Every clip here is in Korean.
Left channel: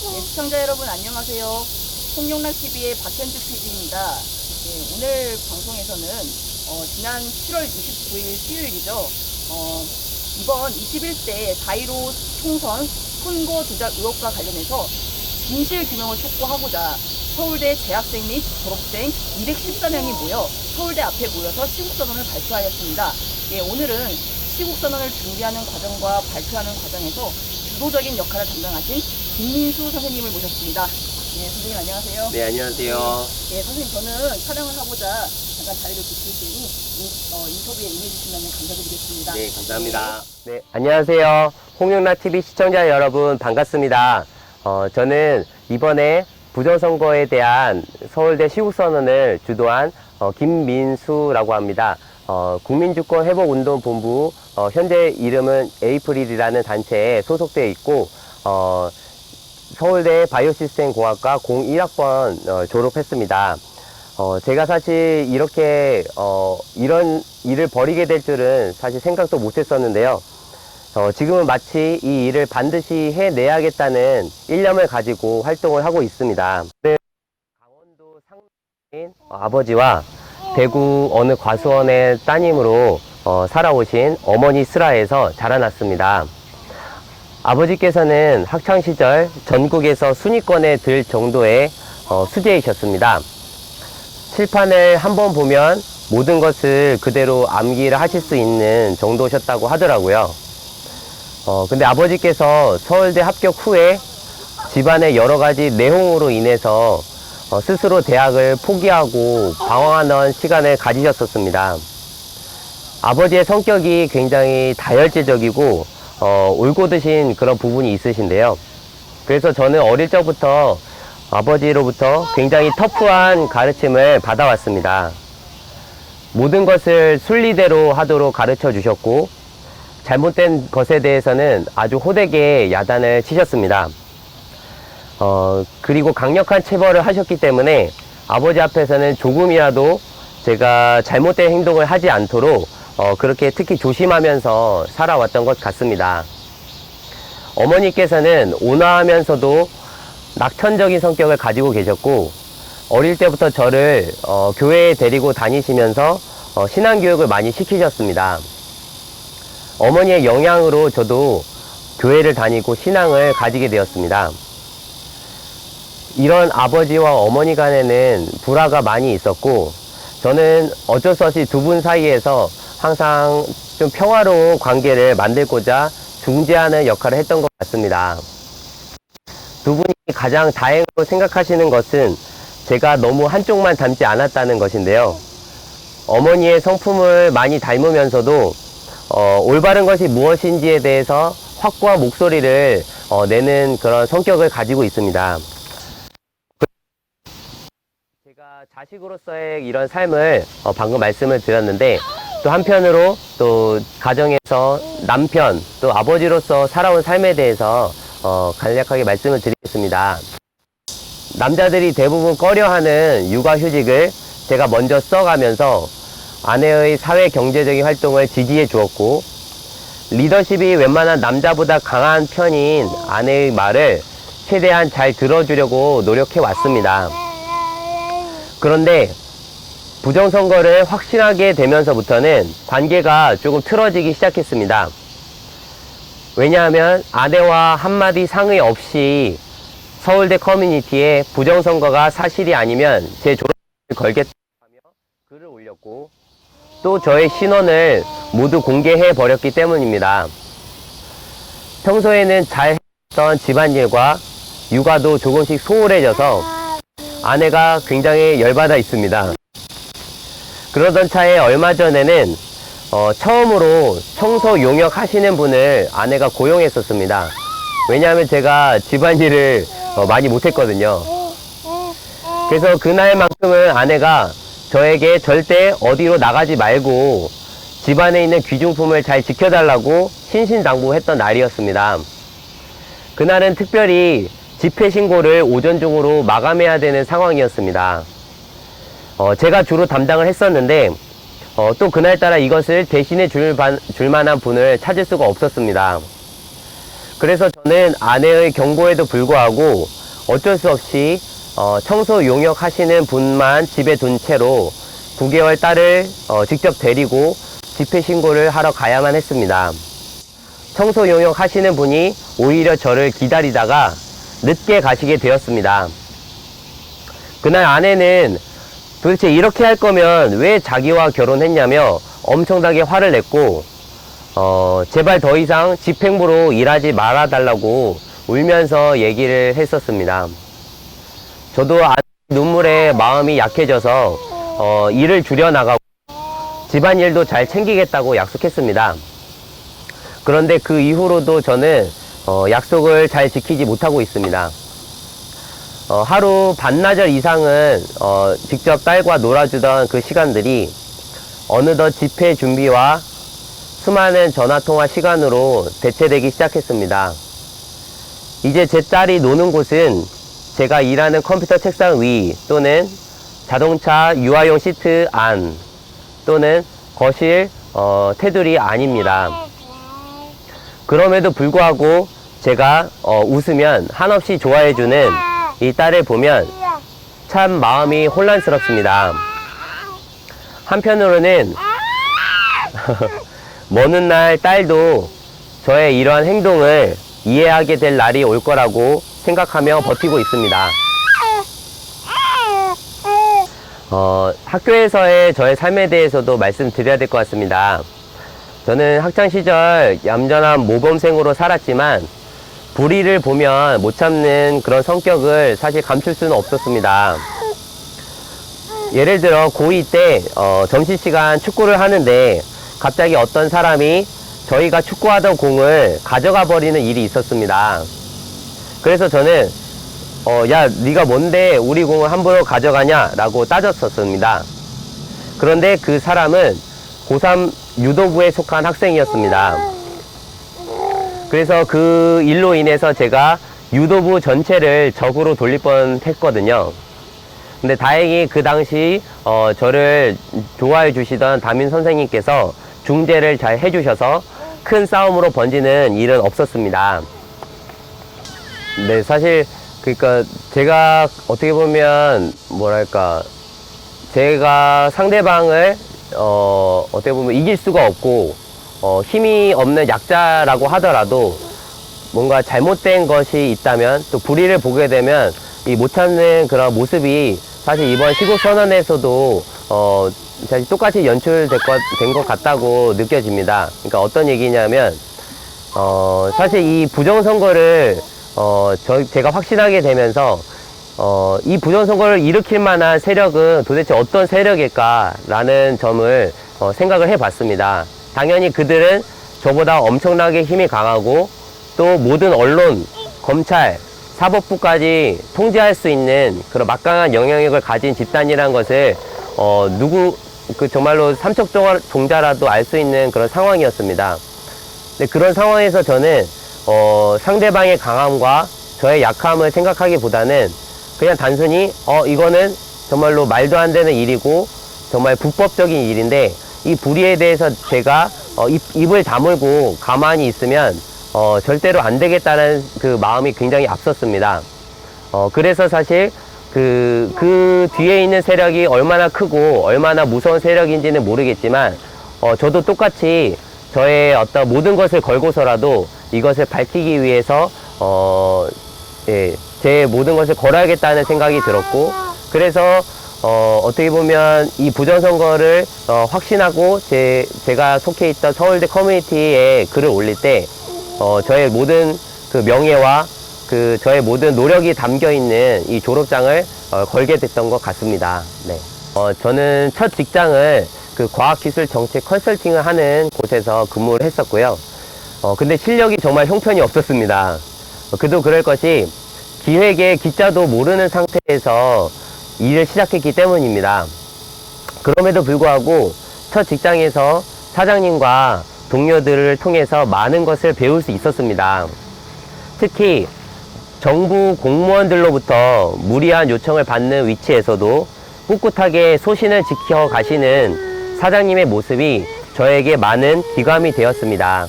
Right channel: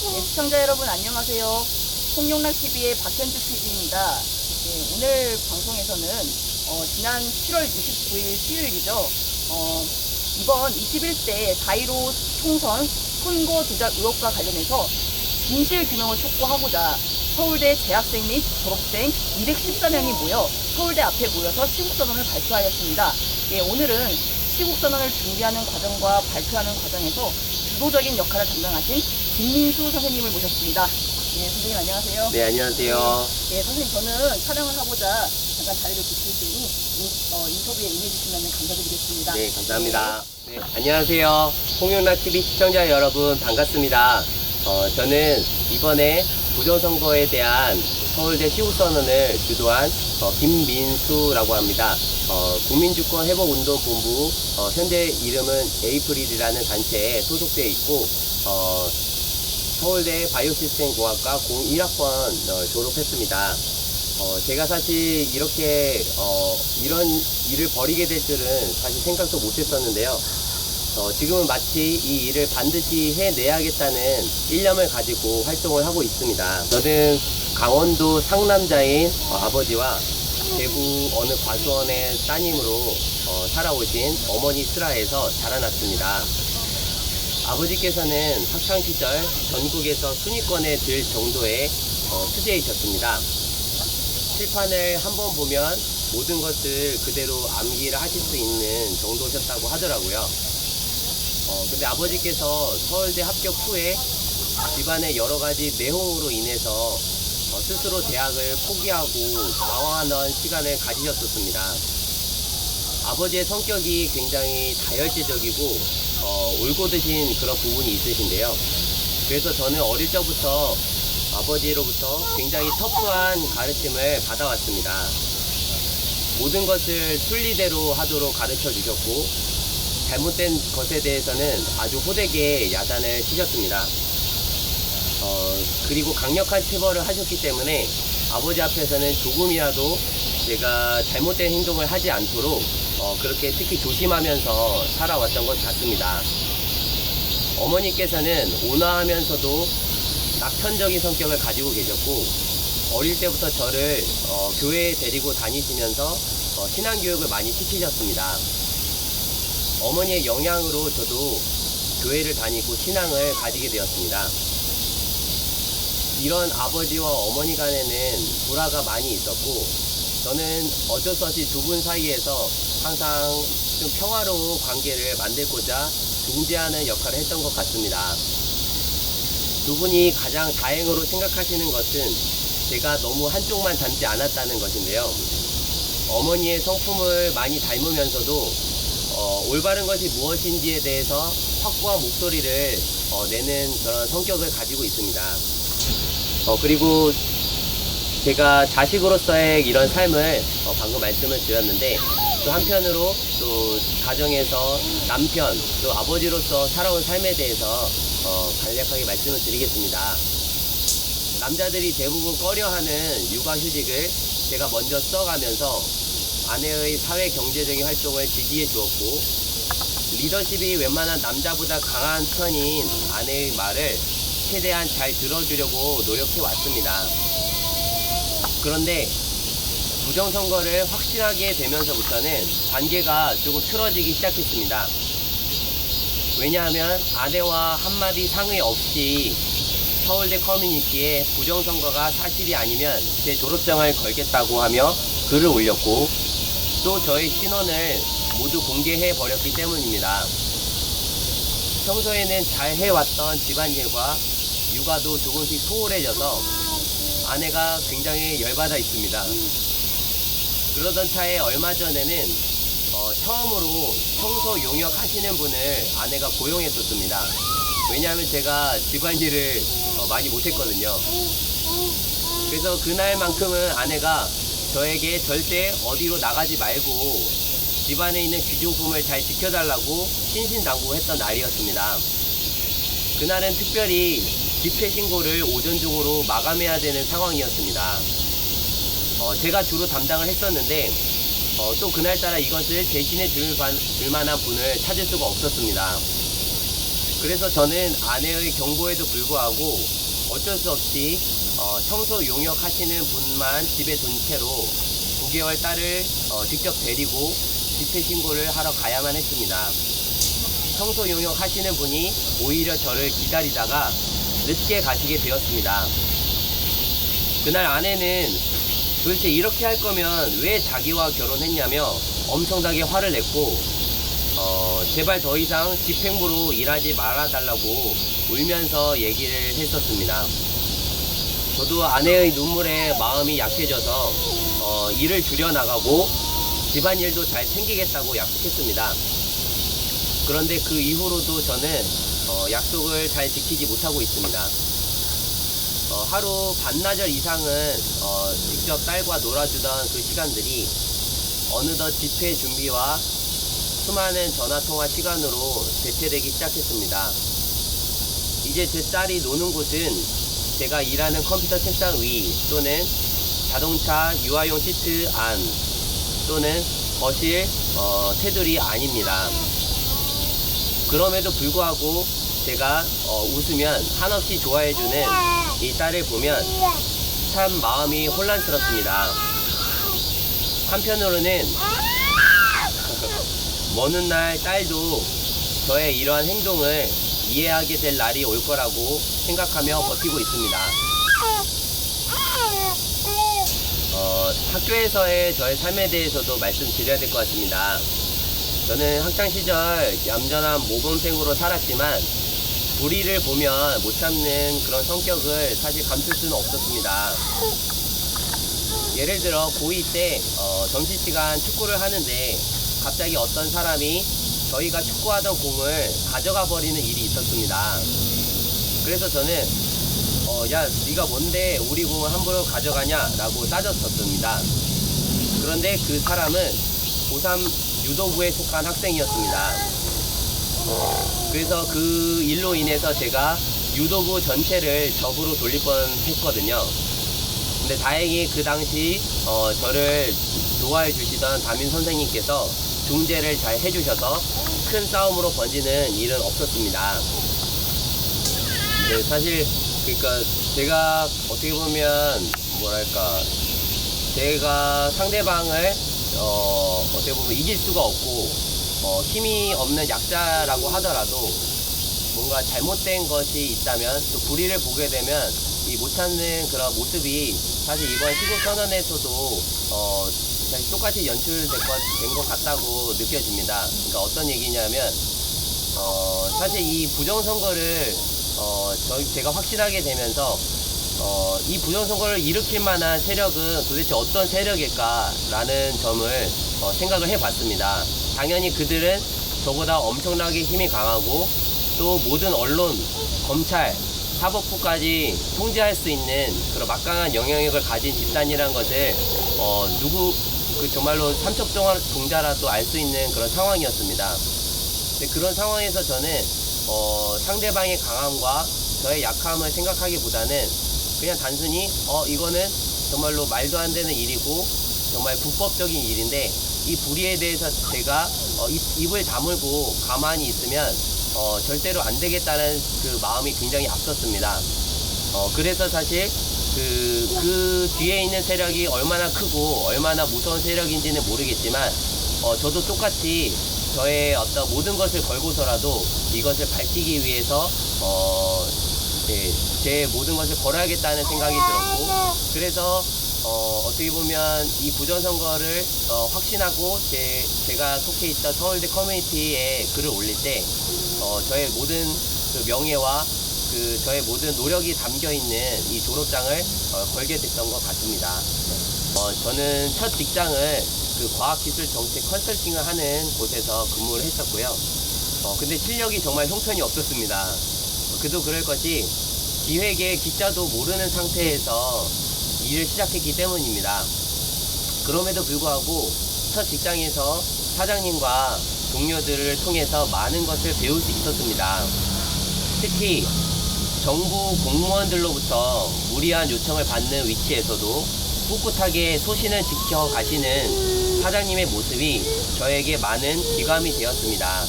네, 시청자 여러분 안녕하세요. 홍용락TV의 박현주 PD입니다. 네, 오늘 방송에서는 지난 7월 29일 수요일이죠. 이번 21대 4.15 총선 선거 조작 의혹과 관련해서 진실 규명을 촉구하고자 서울대 재학생 및 졸업생 214명이 모여 서울대 앞에 모여서 시국선언을 발표하였습니다. 예, 오늘은 시국선언을 준비하는 과정과 발표하는 과정에서 주도적인 역할을 담당하신 김민수 선생님을 모셨습니다. 네, 선생님 안녕하세요. 네, 안녕하세요. 네, 선생님 저는 촬영을 하고자 잠깐 자리를 비칠 테니 인터뷰에 임해주시면 감사드리겠습니다. 네, 감사합니다. 네, 안녕하세요. 홍용락TV 시청자 여러분 반갑습니다. 저는 이번에 부정선거에 대한 서울대 시국선언을 주도한 김민수라고 합니다. 국민주권회복운동본부 현재 이름은 에이프릴이라는 단체에 소속되어 있고 서울대 바이오시스템공학과 01학번 졸업했습니다. 제가 사실 이렇게 이런 일을 벌이게 될 줄은 사실 생각도 못했었는데요. 지금은 마치 이 일을 반드시 해내야겠다는 일념을 가지고 활동을 하고 있습니다. 저는 강원도 상남자인 아버지와 대구 어느 과수원의 따님으로 살아오신 어머니 슬하에서 자라났습니다. 아버지께서는 학창시절 전국에서 순위권에 들 정도의 수재이셨습니다. 칠판을 한번 보면 모든 것을 그대로 암기를 하실 수 있는 정도셨다고 하더라고요. 근데 아버지께서 서울대 합격 후에 집안의 여러 가지 내홍으로 인해서 스스로 대학을 포기하고 방황하는 시간을 가지셨었습니다. 아버지의 성격이 굉장히 다혈질적이고 울고드신 그런 부분이 있으신데요. 그래서 저는 어릴 적부터 아버지로부터 굉장히 터프한 가르침을 받아왔습니다. 모든 것을 순리대로 하도록 가르쳐 주셨고 잘못된 것에 대해서는 아주 호되게 야단을 치셨습니다. 그리고 강력한 체벌을 하셨기 때문에 아버지 앞에서는 조금이라도 제가 잘못된 행동을 하지 않도록 그렇게 특히 조심하면서 살아왔던 것 같습니다. 어머니께서는 온화하면서도 낙천적인 성격을 가지고 계셨고 어릴 때부터 저를 교회에 데리고 다니시면서 신앙교육을 많이 시키셨습니다. 어머니의 영향으로 저도 교회를 다니고 신앙을 가지게 되었습니다. 이런 아버지와 어머니 간에는 불화가 많이 있었고 저는 어쩔 수 없이 두 분 사이에서 항상 좀 평화로운 관계를 만들고자 중재하는 역할을 했던 것 같습니다. 두 분이 가장 다행으로 생각하시는 것은 제가 너무 한쪽만 닮지 않았다는 것인데요. 어머니의 성품을 많이 닮으면서도 올바른 것이 무엇인지에 대해서 확고한 목소리를 내는 그런 성격을 가지고 있습니다. 그리고 제가 자식으로서의 이런 삶을 방금 말씀을 드렸는데 또 한편으로 또 가정에서 남편 또 아버지로서 살아온 삶에 대해서 간략하게 말씀을 드리겠습니다. 남자들이 대부분 꺼려하는 육아휴직을 제가 먼저 써가면서 아내의 사회 경제적인 활동을 지지해 주었고 리더십이 웬만한 남자보다 강한 편인 아내의 말을 최대한 잘 들어주려고 노력해 왔습니다. 그런데 부정선거를 확신하게 되면서부터는 관계가 조금 틀어지기 시작했습니다. 왜냐하면 아내와 한마디 상의 없이 서울대 커뮤니티에 부정선거가 사실이 아니면 제 졸업장을 걸겠다고 하며 글을 올렸고 또 저의 신원을 모두 공개해 버렸기 때문입니다. 평소에는 잘 해왔던 집안일과 육아도 조금씩 소홀해져서 아내가 굉장히 열받아 있습니다. 그러던 차에 얼마 전에는 처음으로 청소 용역 하시는 분을 아내가 고용했었습니다. 왜냐하면 제가 집안일을 많이 못했거든요. 그래서 그날만큼은 아내가 저에게 절대 어디로 나가지 말고 집안에 있는 귀중품을 잘 지켜달라고 신신당부했던 날이었습니다. 그날은 특별히 집회 신고를 오전 중으로 마감해야 되는 상황이었습니다. 제가 주로 담당을 했었는데 또 그날따라 이것을 대신해 줄 만한 분을 찾을 수가 없었습니다. 그래서 저는 아내의 경고에도 불구하고 어쩔 수 없이 청소 용역 하시는 분만 집에 둔 채로 9개월 딸을 직접 데리고 집회 신고를 하러 가야만 했습니다. 청소 용역 하시는 분이 오히려 저를 기다리다가 늦게 가시게 되었습니다. 그날 아내는 도대체 이렇게 할 거면 왜 자기와 결혼했냐며 엄청나게 화를 냈고 제발 더 이상 집행부로 일하지 말아달라고 울면서 얘기를 했었습니다. 저도 아내의 눈물에 마음이 약해져서 일을 줄여나가고 집안일도 잘 챙기겠다고 약속했습니다. 그런데 그 이후로도 저는 약속을 잘 지키지 못하고 있습니다. 하루 반나절 이상은 직접 딸과 놀아주던 그 시간들이 어느덧 집회 준비와 수많은 전화통화 시간으로 대체되기 시작했습니다. 이제 제 딸이 노는 곳은 제가 일하는 컴퓨터 책상 위 또는 자동차 유아용 시트 안 또는 거실 테두리 아닙니다. 그럼에도 불구하고 제가 웃으면 한없이 좋아해주는 이 딸을 보면 참 마음이 혼란스럽습니다. 한편으로는 먼 날 딸도 저의 이러한 행동을 이해하게 될 날이 올 거라고 생각하며 버티고 있습니다. 학교에서의 저의 삶에 대해서도 말씀드려야 될 것 같습니다. 저는 학창시절 얌전한 모범생으로 살았지만 불의를 보면 못 참는 그런 성격을 사실 감출 수는 없었습니다. 예를 들어 고2 때 점심시간 축구를 하는데 갑자기 어떤 사람이 저희가 축구하던 공을 가져가 버리는 일이 있었습니다. 그래서 저는 야, 네가 뭔데 우리 공을 함부로 가져가냐 라고 따졌었습니다. 그런데 그 사람은 고3 유도부에 속한 학생이었습니다. 그래서 그 일로 인해서 제가 유도부 전체를 적으로 돌릴 뻔 했거든요. 근데 다행히 그 당시 저를 좋아해 주시던 담임 선생님께서 중재를 잘 해주셔서 큰 싸움으로 번지는 일은 없었습니다. 네, 사실 그러니까 제가 어떻게 보면 뭐랄까 제가 상대방을 어떻게 보면 이길 수가 없고 힘이 없는 약자라고 하더라도 뭔가 잘못된 것이 있다면 또 불의를 보게 되면 이 못 참는 그런 모습이 사실 이번 시국선언에서도 사실 똑같이 연출된 것 같다고 느껴집니다. 그러니까 어떤 얘기냐면 사실 이 부정선거를 제가 확신하게 되면서 이 부정선거를 일으킬 만한 세력은 도대체 어떤 세력일까라는 점을 생각을 해봤습니다. 당연히 그들은 저보다 엄청나게 힘이 강하고 또 모든 언론, 검찰, 사법부까지 통제할 수 있는 그런 막강한 영향력을 가진 집단이라는 것을 정말로 삼척동자라도 알 수 있는 그런 상황이었습니다. 근데 그런 상황에서 저는 상대방의 강함과 저의 약함을 생각하기보다는 그냥 단순히 이거는 정말로 말도 안 되는 일이고 정말 불법적인 일인데 이 불의에 대해서 제가 입을 다물고 가만히 있으면 절대로 안 되겠다는 그 마음이 굉장히 앞섰습니다. 그래서 사실 그 뒤에 있는 세력이 얼마나 크고 얼마나 무서운 세력인지는 모르겠지만 저도 똑같이 저의 어떤 모든 것을 걸고서라도 이것을 밝히기 위해서 제 모든 것을 걸어야겠다는 생각이 들었고 그래서 어떻게 보면 이 부정선거를 확신하고 제가 속해 있던 서울대 커뮤니티에 글을 올릴 때 저의 모든 그 명예와 저의 모든 노력이 담겨 있는 이 졸업장을 걸게 됐던 것 같습니다. 네. 저는 첫 직장을 그 과학기술정책 컨설팅을 하는 곳에서 근무를 했었고요. 근데 실력이 정말 형편이 없었습니다. 그도 그럴 것이 기획에 기자도 모르는 상태에서 일을 시작했기 때문입니다. 그럼에도 불구하고 첫 직장에서 사장님과 동료들을 통해서 많은 것을 배울 수 있었습니다. 특히 정부 공무원들로부터 무리한 요청을 받는 위치에서도 꿋꿋하게 소신을 지켜 가시는 사장님의 모습이 저에게 많은 기감이 되었습니다.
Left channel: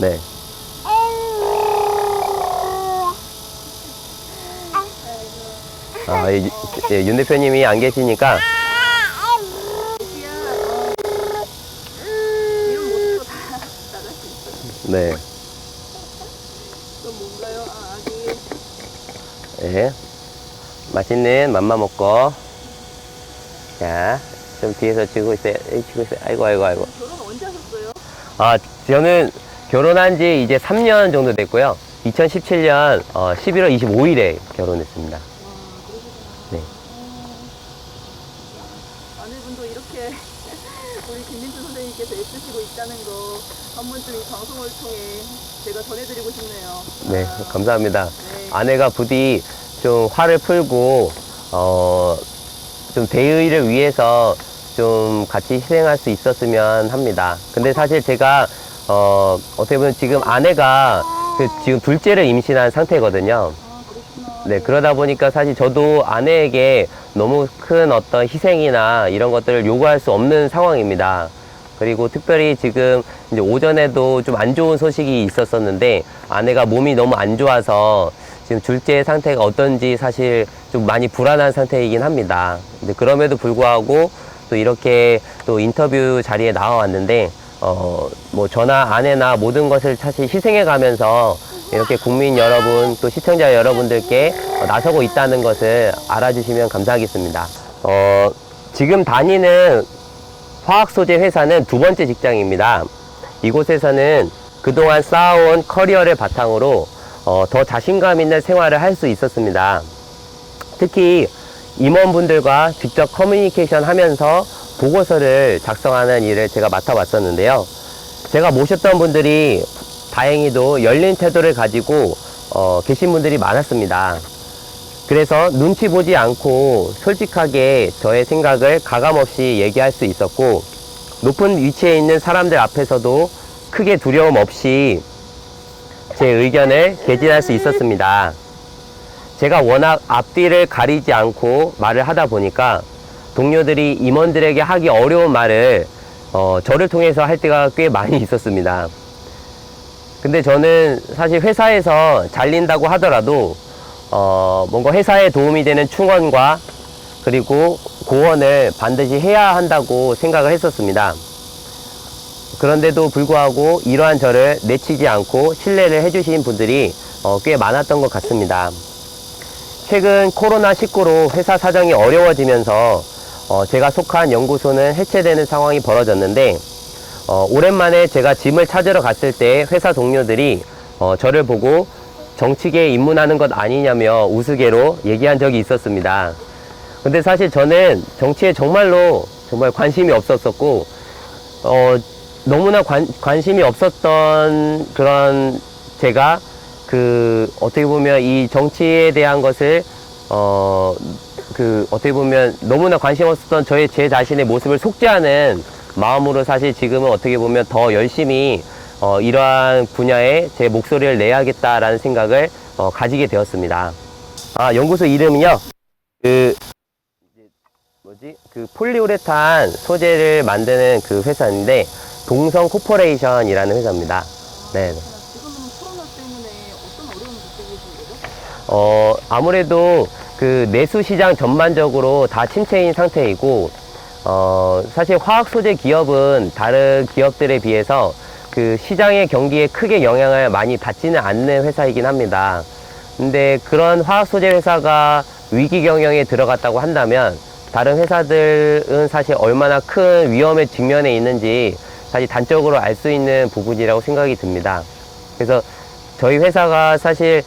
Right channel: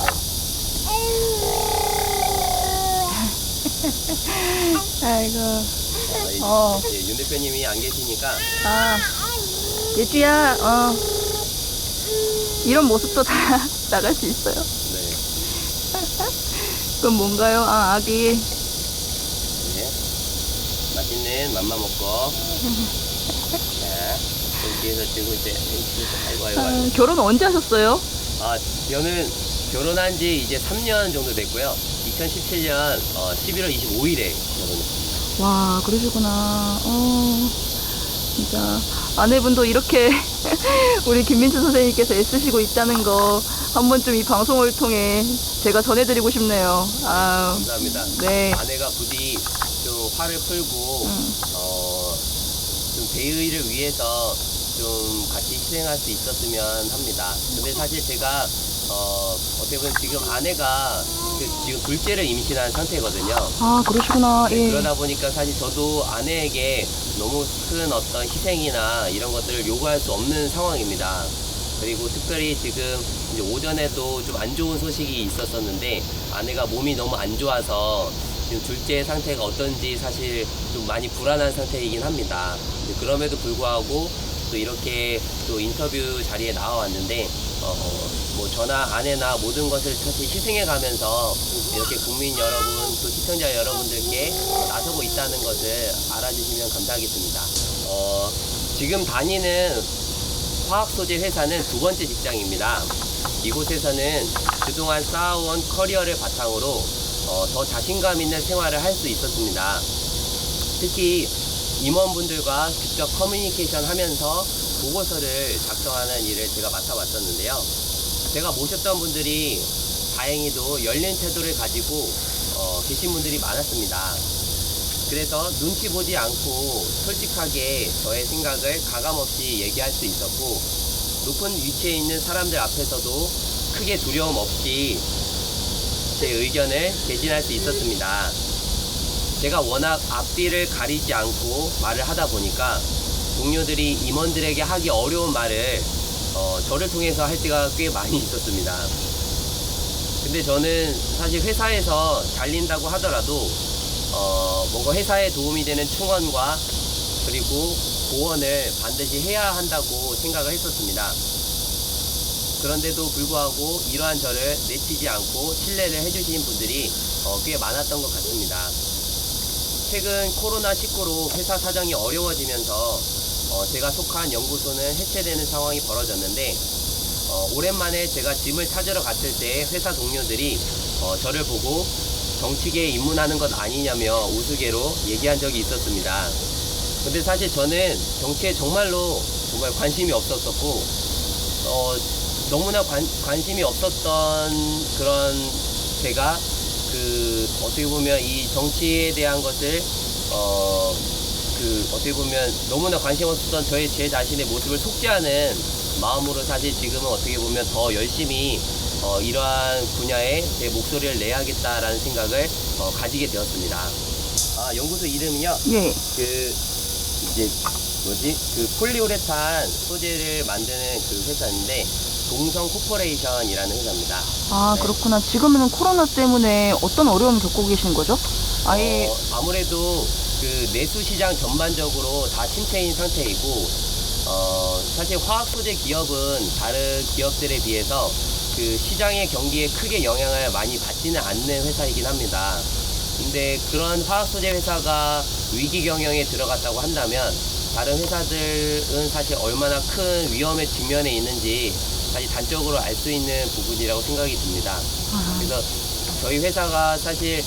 네. 아이고. 윤 대표님이 안 계시니까 예주야, 이런 모습도 다 나갈 수 있어요. 네. 그건 뭔가요? 아기. 네. 맛있는 맘마 먹고. 자, 좀 뒤에서 쥐고 있어요. 아이고. 결혼 언제 하셨어요? 저는 결혼한 지 이제 3년 정도 됐고요. 2017년 11월 25일에 결혼했습니다. 와, 그러시구나. 네. 진짜 아내분도 이렇게 우리 김민주 선생님께서 애쓰시고 있다는 거 한 번쯤 이 방송을 통해 제가 전해드리고 싶네요. 네, 감사합니다. 네. 아내가 부디 좀 화를 풀고, 좀 대의를 위해서 좀 같이 희생할 수 있었으면 합니다. 근데 사실 제가, 어떻게 보면 지금 아내가 지금 둘째를 임신한 상태거든요. 그러시구나. 네, 예. 그러다 보니까 사실 저도 아내에게 너무 큰 어떤 희생이나 이런 것들을 요구할 수 없는 상황입니다. 그리고 특별히 지금 이제 오전에도 좀 안 좋은 소식이 있었었는데 아내가 몸이 너무 안 좋아서 지금 둘째 상태가 어떤지 사실 좀 많이 불안한 상태이긴 합니다. 근데 그럼에도 불구하고 또 이렇게 또 인터뷰 자리에 나와왔는데 뭐 저나 아내나 모든 것을 사실 희생해 가면서 이렇게 국민 여러분 또 시청자 여러분들께 나서고 있다는 것을 알아주시면 감사하겠습니다. 지금 다니는 화학 소재 회사는 2번째 직장입니다. 이곳에서는 그동안 쌓아온 커리어를 바탕으로 더 자신감 있는 생활을 할 수 있었습니다. 특히 임원분들과 직접 커뮤니케이션 하면서 보고서를 작성하는 일을 제가 맡아봤었는데요. 제가 모셨던 분들이 다행히도 열린 태도를 가지고 계신 분들이 많았습니다. 그래서 눈치 보지 않고 솔직하게 저의 생각을 가감없이 얘기할 수 있었고 높은 위치에 있는 사람들 앞에서도 크게 두려움 없이 제 의견을 개진할 수 있었습니다. 제가 워낙 앞뒤를 가리지 않고 말을 하다 보니까 동료들이 임원들에게 하기 어려운 말을 저를 통해서 할 때가 꽤 많이 있었습니다. 근데 저는 사실 회사에서 잘린다고 하더라도 뭔가 회사에 도움이 되는 충원과 그리고 고언을 반드시 해야 한다고 생각을 했었습니다. 그런데도 불구하고 이러한 저를 내치지 않고 신뢰를 해주신 분들이 꽤 많았던 것 같습니다. 최근 코로나19로 회사 사정이 어려워지면서 제가 속한 연구소는 해체되는 상황이 벌어졌는데 오랜만에 제가 짐을 찾으러 갔을 때 회사 동료들이 저를 보고 정치계에 입문하는 것 아니냐며 우스개로 얘기한 적이 있었습니다. 근데 사실 저는 정치에 정말 관심이 없었었고 너무나 관심이 없었던 그런 제가 어떻게 보면 이 정치에 대한 것을 어떻게 보면 너무나 관심 없었던 제 자신의 모습을 속죄하는 마음으로 사실 지금은 어떻게 보면 더 열심히 이러한 분야에 제 목소리를 내야겠다라는 생각을 가지게 되었습니다. 연구소 이름은요. 예. 폴리우레탄 소재를 만드는 그 회사인데 동성 코퍼레이션이라는 회사입니다. 네. 그렇구나. 지금은 코로나 때문에 어떤 어려움을 겪고 계신 거죠? 아무래도 그 내수 시장 전반적으로 다 침체인 상태이고 사실 화학 소재 기업은 다른 기업들에 비해서 그 시장의 경기에 크게 영향을 많이 받지는 않는 회사이긴 합니다. 근데 그런 화학 소재 회사가 위기 경영에 들어갔다고 한다면 다른 회사들은 사실 얼마나 큰 위험에 직면해 있는지 사실 단적으로 알 수 있는 부분이라고 생각이 듭니다. 그래서 저희 회사가 사실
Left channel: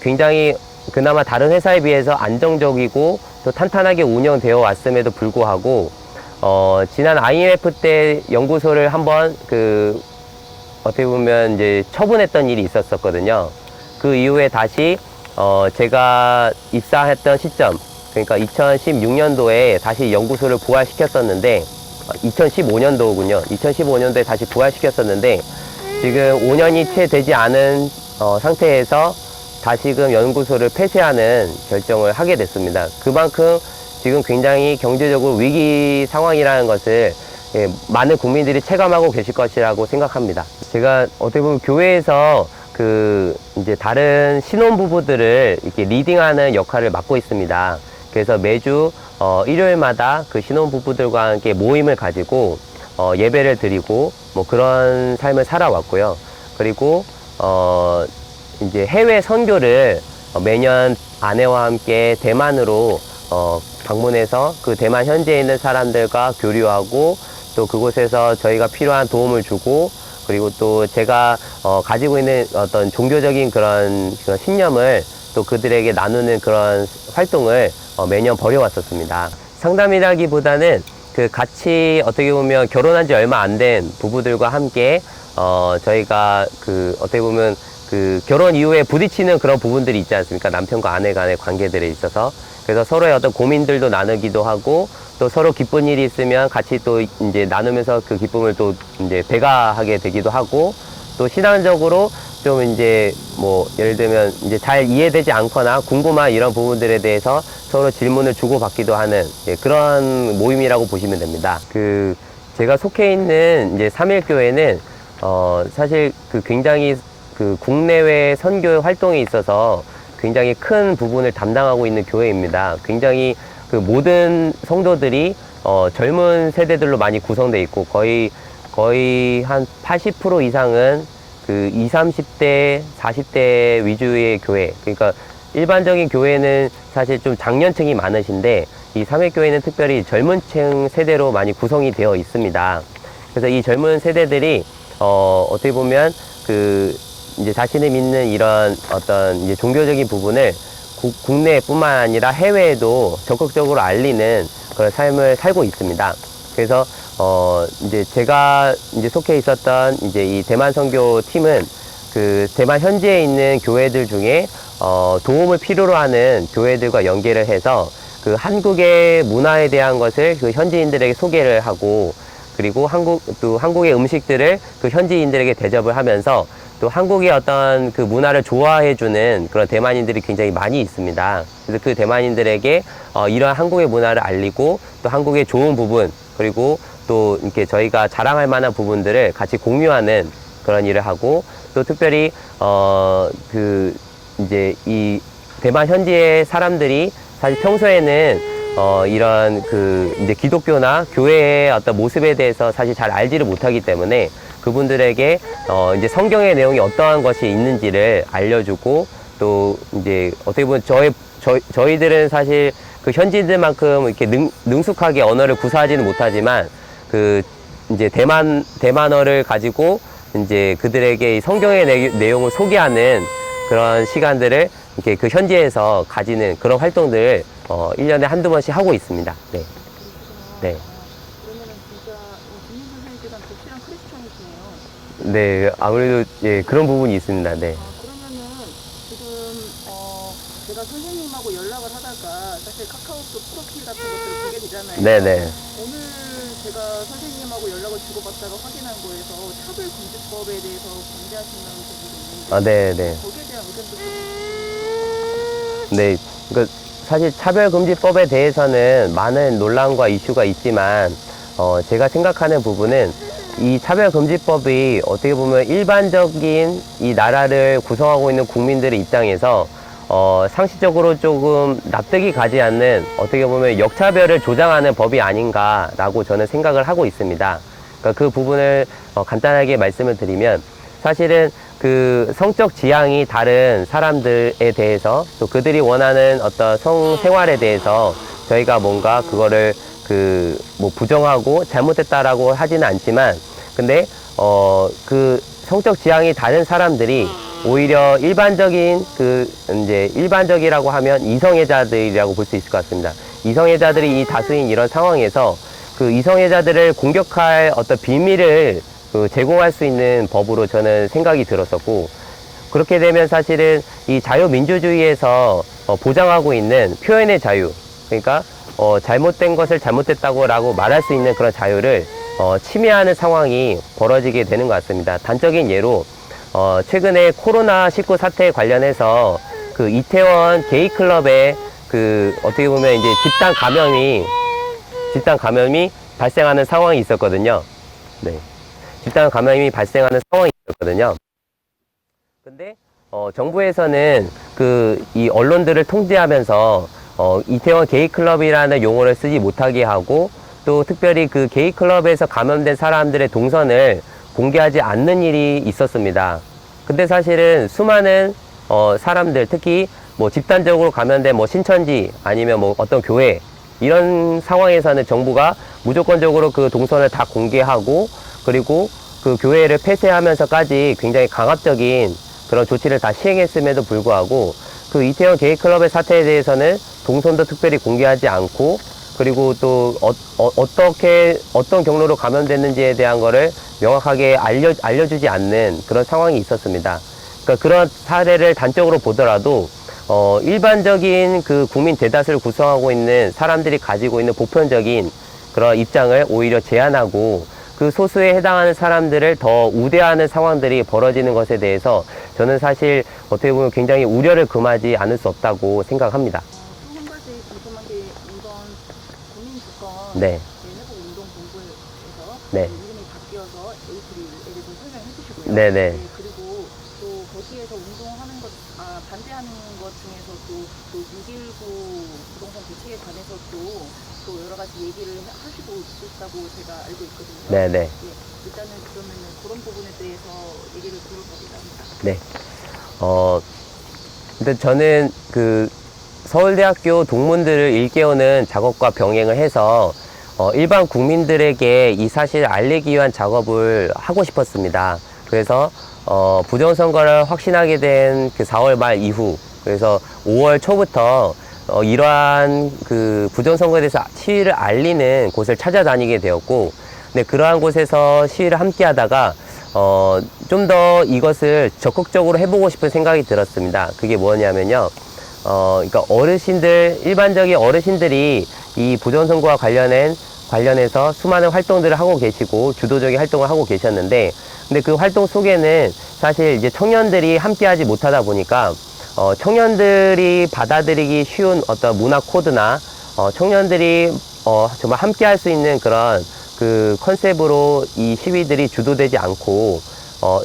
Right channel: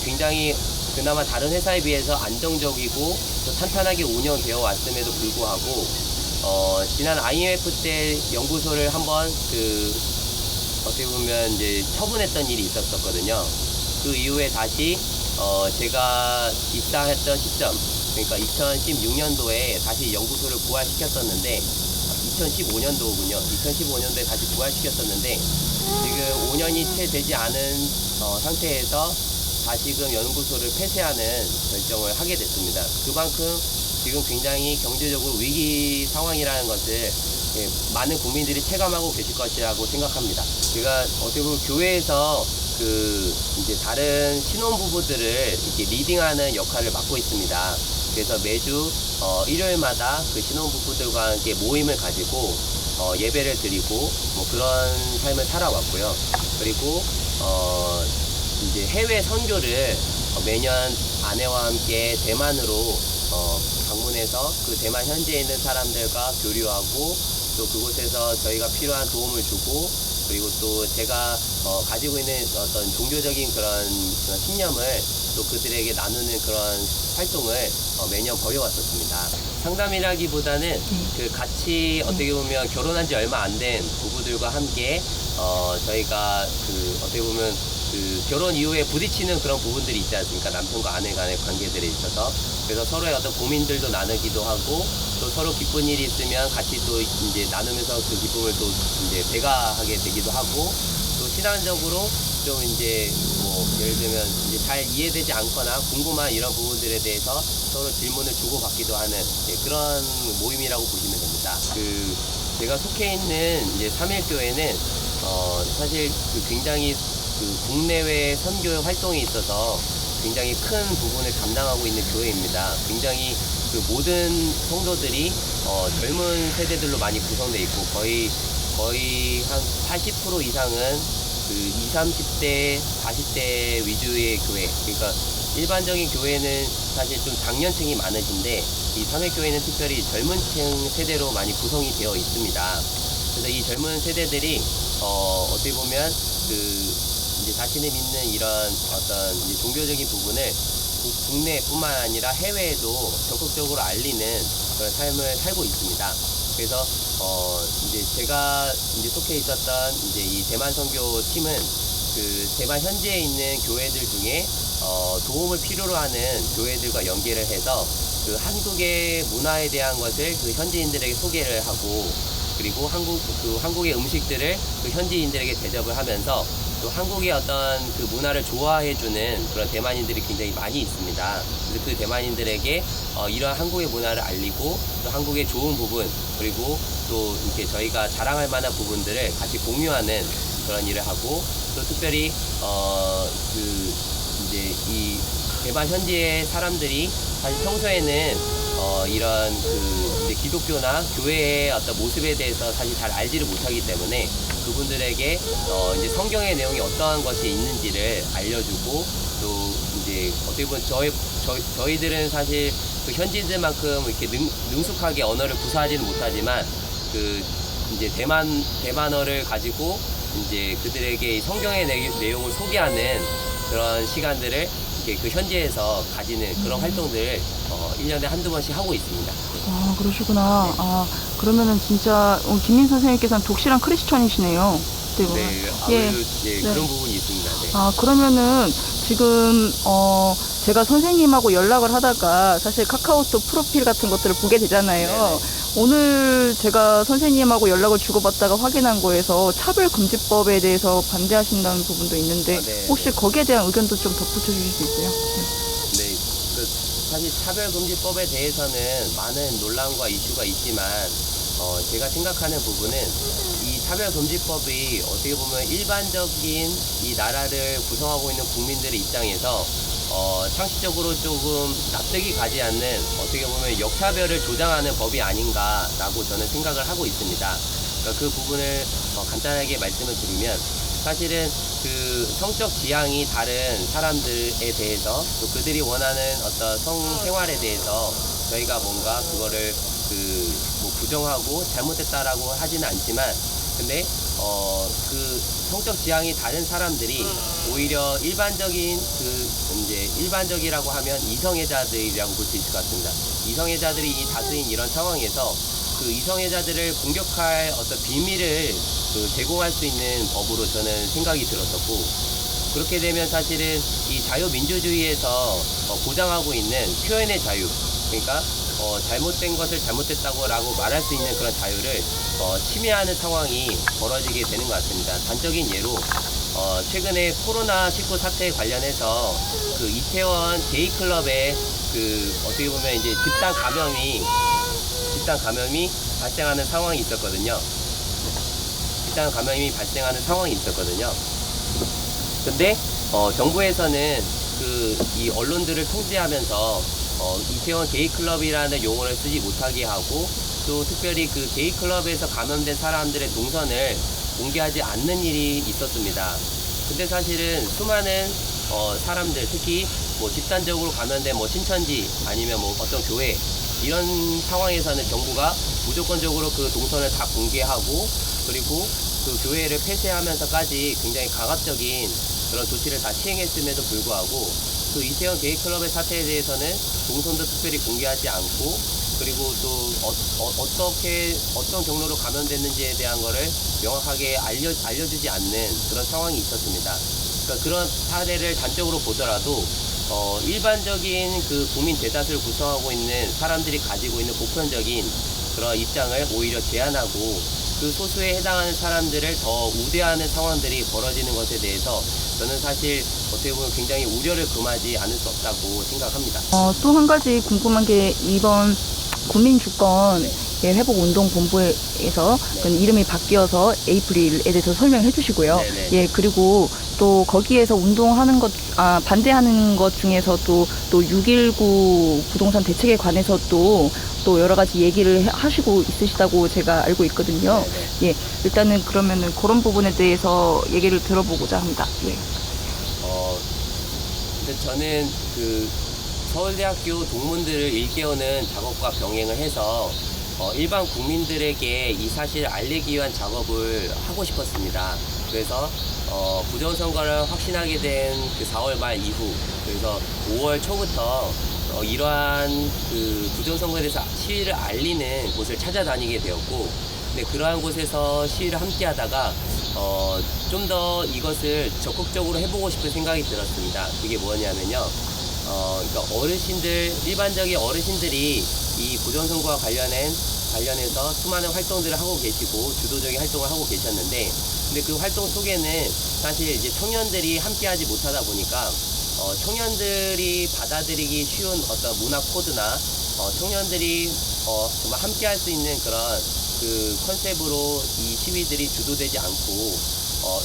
굉장히 그나마 다른 회사에 비해서 안정적이고 또 탄탄하게 운영되어 왔음에도 불구하고 지난 IMF 때 연구소를 한번 어떻게 보면 이제 처분했던 일이 있었거든요. 그 이후에 다시 제가 입사했던 시점, 그러니까 2016년도에 다시 연구소를 부활시켰었는데 2015년도군요. 2015년도에 다시 부활시켰었는데 지금 5년이 채 되지 않은 상태에서 다시금 연구소를 폐쇄하는 결정을 하게 됐습니다. 그만큼 지금 굉장히 경제적으로 위기 상황이라는 것을 많은 국민들이 체감하고 계실 것이라고 생각합니다. 제가 어떻게 보면 교회에서 그 이제 다른 신혼부부들을 이렇게 리딩하는 역할을 맡고 있습니다. 그래서 매주 일요일마다 그 신혼부부들과 함께 모임을 가지고 예배를 드리고 뭐 그런 삶을 살아왔고요. 그리고 이제 해외 선교를 매년 아내와 함께 대만으로 방문해서 그 대만 현지에 있는 사람들과 교류하고 또 그곳에서 저희가 필요한 도움을 주고 그리고 또 제가 가지고 있는 어떤 종교적인 그런 신념을 또 그들에게 나누는 그런 활동을 매년 벌여왔었습니다. 상담이라기보다는 그 같이 어떻게 보면 결혼한 지 얼마 안 된 부부들과 함께 저희가 그 어떻게 보면 그 결혼 이후에 부딪히는 그런 부분들이 있지 않습니까? 남편과 아내 간의 관계들에 있어서. 그래서 서로의 어떤 고민들도 나누기도 하고 또 서로 기쁜 일이 있으면 같이 또 이제 나누면서 그 기쁨을 또 이제 배가하게 되기도 하고 또 신앙적으로 좀 이제 뭐 예를 들면 이제 잘 이해되지 않거나 궁금한 이런 부분들에 대해서 서로 질문을 주고받기도 하는 그런 모임이라고 보시면 됩니다. 그 제가 속해 있는 이제 삼일교회는 사실 그 굉장히 그 국내외 선교 활동에 있어서 굉장히 큰 부분을 담당하고 있는 교회입니다. 굉장히 그 모든 성도들이 젊은 세대들로 많이 구성되어 있고 거의 한 80% 이상은 그 20, 30대, 40대 위주의 교회. 그러니까 일반적인 교회는 사실 좀 장년층이 많으신데 이 삼일교회는 특별히 젊은 층 세대로 많이 구성이 되어 있습니다. 그래서 이 젊은 세대들이 어떻게 보면 그 이제 자신이 믿는 이런 어떤 이제 종교적인 부분을 국내뿐만 아니라 해외에도 적극적으로 알리는 그런 삶을 살고 있습니다. 그래서 이제 제가 이제 속해 있었던 이제 이 대만 선교 팀은 그 대만 현지에 있는 교회들 중에 도움을 필요로 하는 교회들과 연계를 해서 그 한국의 문화에 대한 것을 그 현지인들에게 소개를 하고 그리고 한국의 음식들을 그 현지인들에게 대접을 하면서 또 한국의 어떤 그 문화를 좋아해주는 그런 대만인들이 굉장히 많이 있습니다. 그래서 그 대만인들에게 이러한 한국의 문화를 알리고 또 한국의 좋은 부분 그리고 또 이렇게 저희가 자랑할 만한 부분들을 같이 공유하는 그런 일을 하고 또 특별히 그 이제 이 대만 현지의 사람들이 사실 평소에는 이런 그 이제 기독교나 교회의 어떤 모습에 대해서 사실 잘 알지를 못하기 때문에 그분들에게 이제 성경의 내용이 어떠한 것이 있는지를 알려주고 또 이제 어떻게 보면 저희들은 사실 그 현지인들만큼 이렇게 능숙하게 언어를 구사하지는 못하지만 그 이제 대만어를 가지고 이제 그들에게 이 성경의 내용을 소개하는 그런 시간들을 이렇게 그 현지에서 가지는 그런 활동들을 1년에 한두 번씩 하고 있습니다. 네. 아, 그러시구나. 네. 아, 그러면은 진짜 김민 선생님께서는 독실한 크리스천이시네요. 네, 아무래도 예, 네. 그런 부분이 있습니다. 네. 아, 그러면은 지금 제가 선생님하고 연락을 하다가 사실 카카오톡 프로필 같은 것들을 보게 되잖아요. 네네. 오늘 제가 선생님하고 연락을 주고받다가 확인한 거에서 차별금지법에 대해서 반대하신다는 부분도 있는데 네, 혹시 네. 거기에 대한 의견도 좀 덧붙여주실 수 있어요? 네, 그 사실 차별금지법에 대해서는 많은 논란과 이슈가 있지만 제가 생각하는 부분은 이 차별금지법이 어떻게 보면 일반적인 이 나라를 구성하고 있는 국민들의 입장에서 상식적으로 조금 납득이 가지 않는 어떻게 보면 역차별을 조장하는 법이 아닌가라고 저는 생각을 하고 있습니다. 그러니까 그 부분을 간단하게 말씀을 드리면 사실은 그 성적 지향이 다른 사람들에 대해서 또 그들이 원하는 어떤 성생활에 대해서 저희가 뭔가 그거를 그 뭐 부정하고 잘못했다라고 하지는 않지만 근데 그 성적 지향이 다른 사람들이 오히려 일반적인 그 이제 일반적이라고 하면 이성애자들이라고 볼 수 있을 것 같습니다. 이성애자들이 이 다수인 이런 상황에서 그 이성애자들을 공격할 어떤 빌미를 그 제공할 수 있는 법으로 저는 생각이 들었었고 그렇게 되면 사실은 이 자유민주주의에서 보장하고 있는 표현의 자유 그러니까 잘못된 것을 잘못됐다고 말할 수 있는 그런 자유를 침해하는 상황이 벌어지게 되는 것 같습니다. 단적인 예로 최근에 코로나19 사태에 관련해서 그 이태원 제이클럽에 그 어떻게 보면 이제 집단 감염이 발생하는 상황이 있었거든요. 네. 집단 감염이 발생하는 상황이 있었거든요. 근데 정부에서는 이 언론들을 통제하면서 이태원 게이클럽이라는 용어를 쓰지 못하게 하고, 또 특별히 그 게이클럽에서 감염된 사람들의 동선을 공개하지 않는 일이 있었습니다. 근데 사실은 수많은 사람들, 특히 뭐 집단적으로 감염된 뭐 신천지 아니면 뭐 어떤 교회, 이런 상황에서는 정부가 무조건적으로 그 동선을 다 공개하고, 그리고 그 교회를 폐쇄하면서까지 굉장히 강압적인 그런 조치를 다 시행했음에도 불구하고, 그 이태원 게이클럽의 사태에 대해서는 동선도 특별히 공개하지 않고, 그리고 또 어떤 경로로 감염됐는지에 대한 거를 명확하게 알려주지 않는 그런 상황이 있었습니다. 그러니까 그런 사례를 단적으로 보더라도 일반적인 그 국민 대다수를 구성하고 있는 사람들이 가지고 있는 보편적인 그런 입장을 오히려 제한하고, 그 소수에 해당하는 사람들을 더 우대하는 상황들이 벌어지는 것에 대해서 저는 사실 어떻게 보면 굉장히 우려를 금하지 않을 수 없다고 생각합니다. 또 한 가지 궁금한 게, 이번 국민주권 네. 회복운동본부에서 네. 이름이 바뀌어서 에이프릴에 대해서 설명해 주시고요. 네네. 예, 그리고 또 거기에서 운동하는 반대하는 것 중에서 또 6.19 부동산 대책에 관해서 또 여러 가지 얘기를 하시고 있으시다고 제가 알고 있거든요. 네네. 예, 일단은 그러면은 그런 부분에 대해서 얘기를 들어보고자 합니다. 네. 근데 저는 그 서울대학교 동문들을 일깨우는 작업과 병행을 해서 일반 국민들에게 이 사실을 알리기 위한 작업을 하고 싶었습니다. 그래서 부정선거를 확신하게 된 그 4월 말 이후, 그래서 5월 초부터 이러한 그 부정선거에 대해서 시위를 알리는 곳을 찾아다니게 되었고, 근데 그러한 곳에서 시위를 함께 하다가 좀 더 이것을 적극적으로 해보고 싶은 생각이 들었습니다. 그게 뭐냐면요. 그러니까 일반적인 어르신들이 이 부정선거와 관련해서 수많은 활동들을 하고 계시고, 주도적인 활동을 하고 계셨는데, 근데 그 활동 속에는 사실 이제 청년들이 함께 하지 못하다 보니까, 청년들이 받아들이기 쉬운 어떤 문화 코드나, 청년들이, 정말 함께 할 수 있는 그런 그 컨셉으로 이 시위들이 주도되지 않고,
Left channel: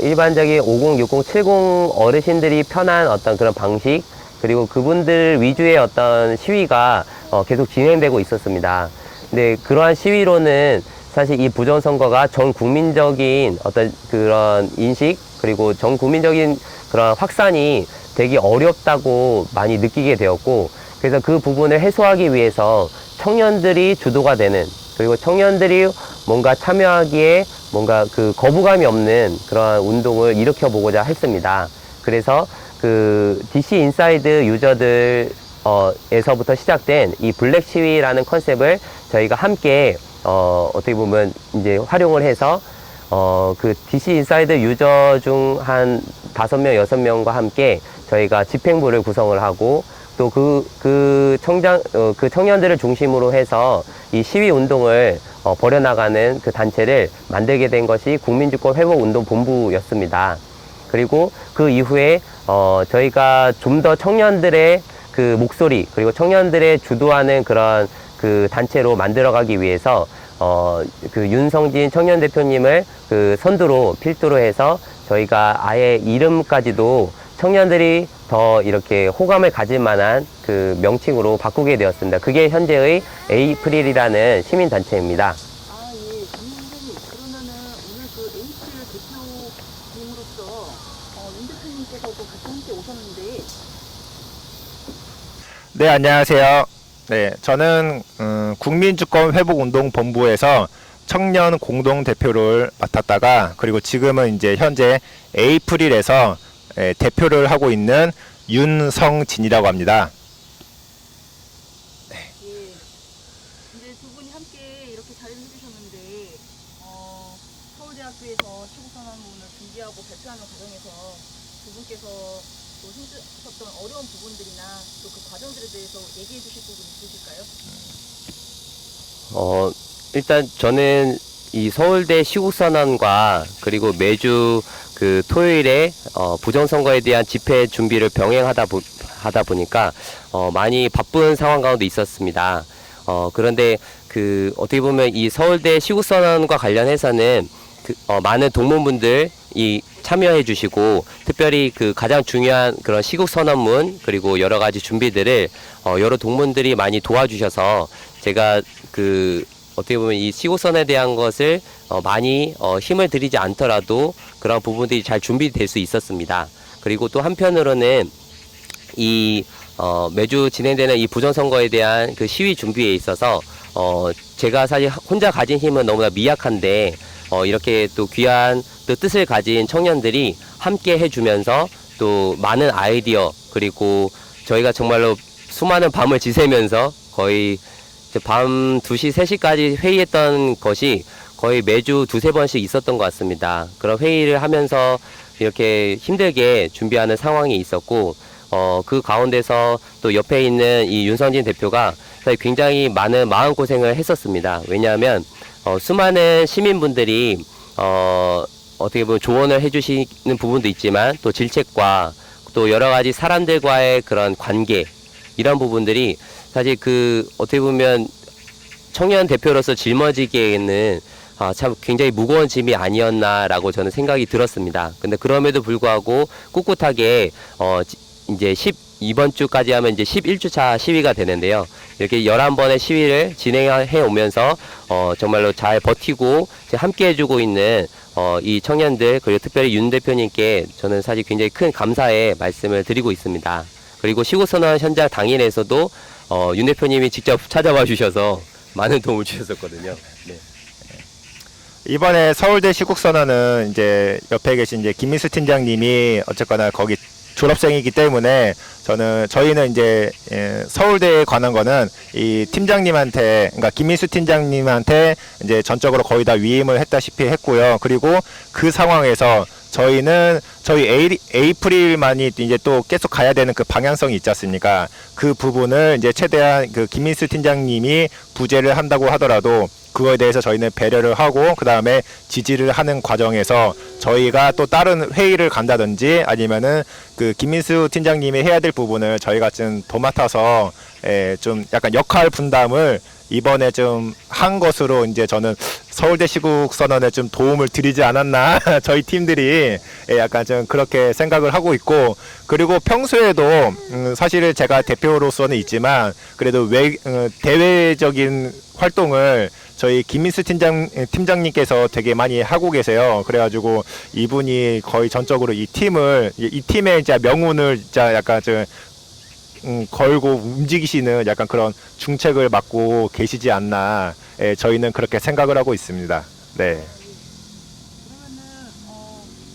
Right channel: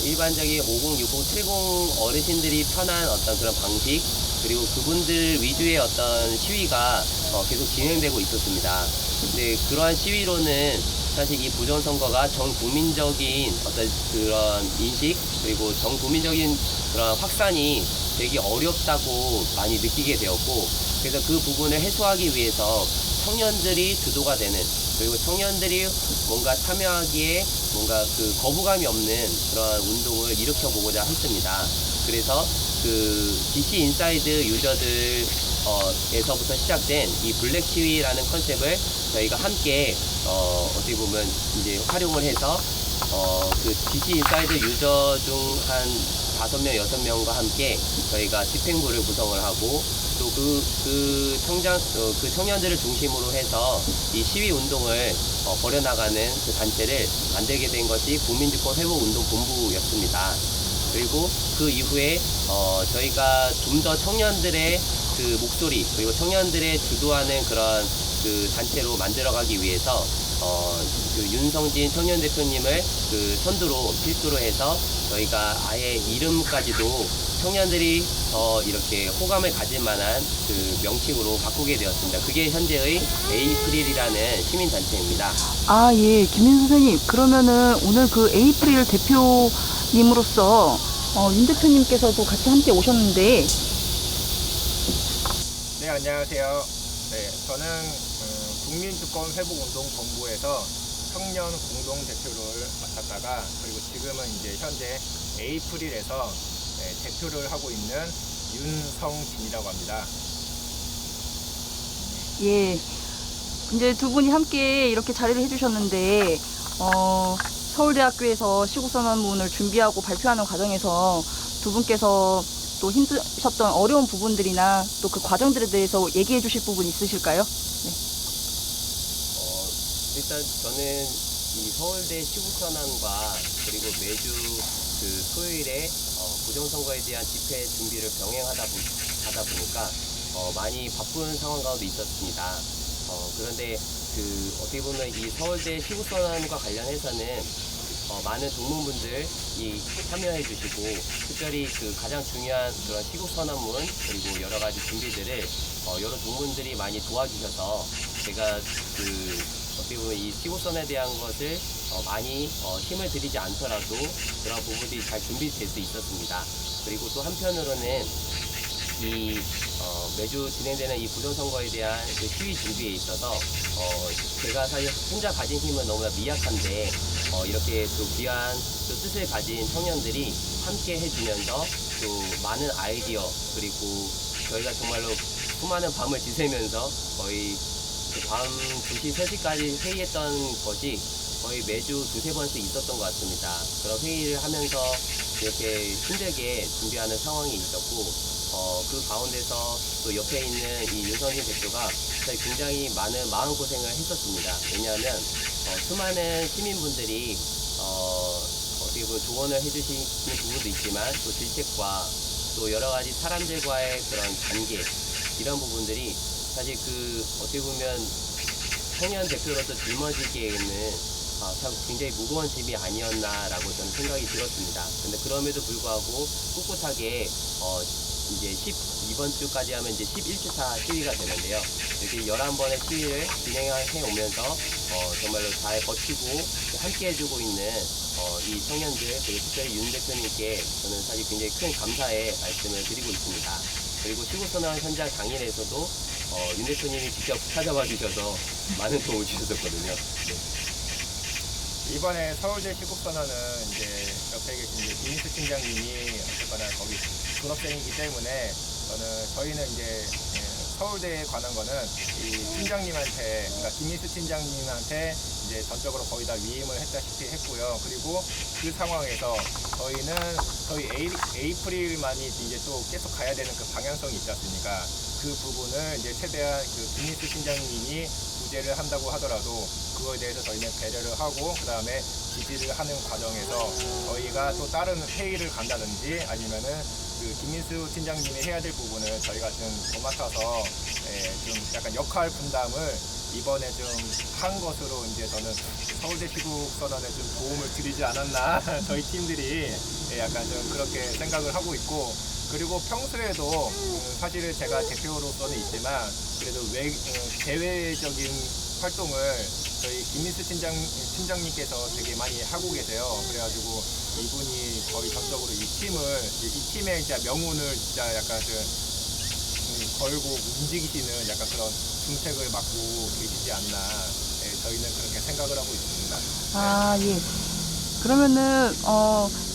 일반적인 50, 60, 70 어르신들이 편한 어떤 그런 방식, 그리고 그분들 위주의 어떤 시위가 계속 진행되고 있었습니다. 근데 그러한 시위로는 사실 이 부정선거가 전 국민적인 어떤 그런 인식, 그리고 전 국민적인 그런 확산이 되게 어렵다고 많이 느끼게 되었고, 그래서 그 부분을 해소하기 위해서 청년들이 주도가 되는, 그리고 청년들이 뭔가 참여하기에 뭔가 그 거부감이 없는 그런 운동을 일으켜보고자 했습니다. 그래서 그 DC 인사이드 유저들에서부터 시작된 이 블랙 시위라는 컨셉을 저희가 함께 어떻게 보면 이제 활용을 해서 그 DC 인사이드 유저 중 한 5명, 6명과 함께 저희가 집행부를 구성을 하고, 또 그 청년들을 중심으로 해서 이 시위 운동을 벌여나가는 그 단체를 만들게 된 것이 국민주권 회복운동본부였습니다. 그리고 그 이후에 저희가 좀 더 청년들의 그 목소리, 그리고 청년들의 주도하는 그런 그 단체로 만들어가기 위해서 그 윤성진 청년 대표님을 그 선두로 필두로 해서 저희가 아예 이름까지도 청년들이 더 이렇게 호감을 가질 만한 그 명칭으로 바꾸게 되었습니다. 그게 현재의 에이프릴이라는 시민단체입니다. 아, 예. 김민 선생님, 그러면은 오늘 그 에이프릴 대표님으로서 윤 대표님께서도 같이 함께 오셨는데. 네, 안녕하세요. 네, 저는 국민주권 회복운동본부에서 청년 공동대표를 맡았다가, 그리고 지금은 이제 현재 에이프릴에서 대표를 하고 있는 윤성진이라고 합니다. 예. 이제 두 분이 함께 이렇게 자리를 해주셨는데, 서울대학교에서 시국선언문을 준비하고 발표하는 과정에서 두 분께서 또 힘드셨던 어려운 부분들이나 또 그 과정들에 대해서 얘기해 주실 부분 있으실까요? 네. 일단 저는 이 서울대 시국선언과 그리고 매주 그 토요일에 부정선거에 대한 집회 준비를 병행하다 보니까 많이 바쁜 상황 가운데 있었습니다. 그런데 그 어떻게 보면 이 서울대 시국선언과 관련해서는 많은 동문분들이 참여해 주시고 특별히 그 가장 중요한 그런 시국 선언문 그리고 여러 가지 준비들을 여러 동문들이 많이 도와주셔서 제가 그 어떻게 보면 이 시국선에 대한 것을 많이 힘을 들이지 않더라도 그런 부분들이 잘 준비될 수 있었습니다. 그리고 또 한편으로는 이 매주 진행되는 이 부정선거에 대한 그 시위 준비에 있어서 제가 사실 혼자 가진 힘은 너무나 미약한데 이렇게 또 귀한 또 뜻을 가진 청년들이 함께 해주면서 또 많은 아이디어 그리고 저희가 정말로 수많은 밤을 지새면서 거의 밤 2시, 3시까지 회의했던 것이 거의 매주 2-3번씩 있었던 것 같습니다. 그런 회의를 하면서 이렇게 힘들게 준비하는 상황이 있었고 그 가운데서 또 옆에 있는 이 윤선진 대표가 굉장히 많은 마음고생을 했었습니다. 왜냐하면 수많은 시민분들이 어떻게 보면 조언을 해주시는 부분도 있지만 또 질책과 또 여러 가지 사람들과의 그런 관계 이런 부분들이 사실 그 어떻게 보면 청년 대표로서 짊어지기에는 참 굉장히 무거운 짐이 아니었나라고 저는 생각이 들었습니다. 근데 그럼에도 불구하고 꿋꿋하게 이제 이번 주까지 하면 이제 11주차 시위가 되는데요. 이렇게 11번의 시위를 진행해 오면서 정말로 잘 버티고 함께 해주고 있는 이 청년들 그리고 특별히 윤 대표님께 저는 사실 굉장히 큰 감사의 말씀을 드리고 있습니다. 그리고 시국선언 현장 당일에서도 윤 대표님이 직접 찾아와 주셔서 많은 도움을 주셨었거든요. 네. 이번에 서울대 시국선언은 이제 옆에 계신 이제 김민수 팀장님이 어쨌거나 거기 졸업생이기 때문에 저희는 이제 서울대에 관한 거는 이 팀장님한테 그러니까 김민수 팀장님한테 이제 전적으로 거의 다 위임을 했다시피 했고요. 그리고 그 상황에서 저희는 저희 에이프릴만이 이제 또 계속 가야 되는 그 방향성이 있지 않습니까? 그 부분을 이제 최대한 그 김민수 팀장님이 부재를 한다고 하더라도 그거에 대해서 저희는 배려를 하고 그 다음에 지지를 하는 과정에서 저희가 또 다른 회의를 간다든지 아니면은 그 김민수 팀장님이 해야 될 부분을 저희가 좀 도맡아서 좀 약간 역할 분담을 이번에 좀 한 것으로 이제 저는 서울대 시국 선언에 좀 도움을 드리지 않았나 저희 팀들이 약간 좀 그렇게 생각을 하고 있고 그리고 평소에도 사실 제가 대표로서는 있지만 그래도 대외적인 활동을 저희 김민수 팀장님께서 되게 많이 하고 계세요. 그래가지고 이분이 거의 전적으로 이 팀의 진짜 명운을 진짜 약간 좀 걸고 움직이시는 약간 그런 중책을 맡고 계시지 않나 저희는 그렇게 생각을 하고 있습니다. 네. 예. 그러면은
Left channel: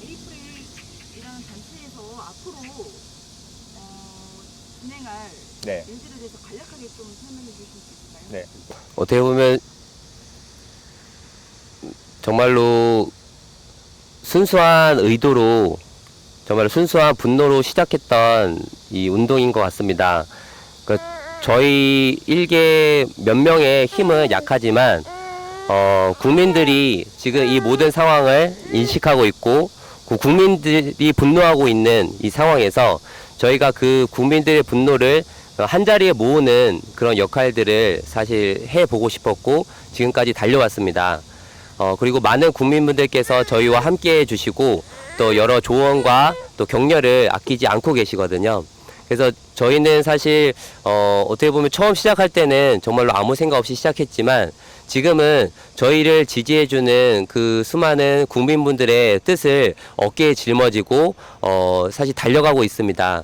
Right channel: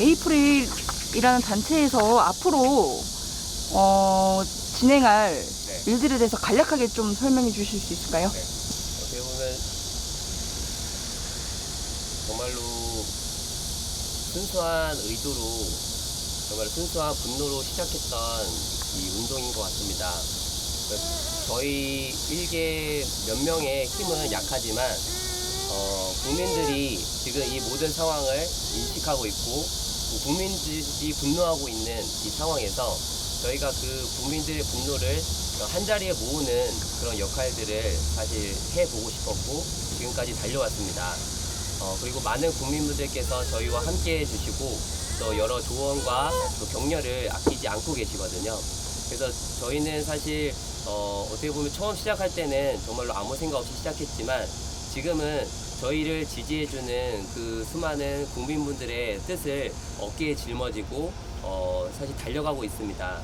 에이프릴이라는 단체에서 앞으로 진행할 네. 일들에 대해서 간략하게 좀 설명해 주실 수 있을까요? 네. 어떻게 보면 정말로 순수한 의도로 정말 순수한 분노로 시작했던 이 운동인 것 같습니다. 저희 일개 몇 명의 힘은 약하지만 국민들이 지금 이 모든 상황을 인식하고 있고 국민들이 분노하고 있는 이 상황에서 저희가 그 국민들의 분노를 한자리에 모으는 그런 역할들을 사실 해보고 싶었고 지금까지 달려왔습니다. 그리고 많은 국민분들께서 저희와 함께 해주시고 또 여러 조언과 또 격려를 아끼지 않고 계시거든요. 그래서 저희는 사실 어떻게 보면 처음 시작할 때는 정말로 아무 생각 없이 시작했지만 지금은 저희를 지지해주는 그 수많은 국민분들의 뜻을 어깨에 짊어지고 사실 달려가고 있습니다.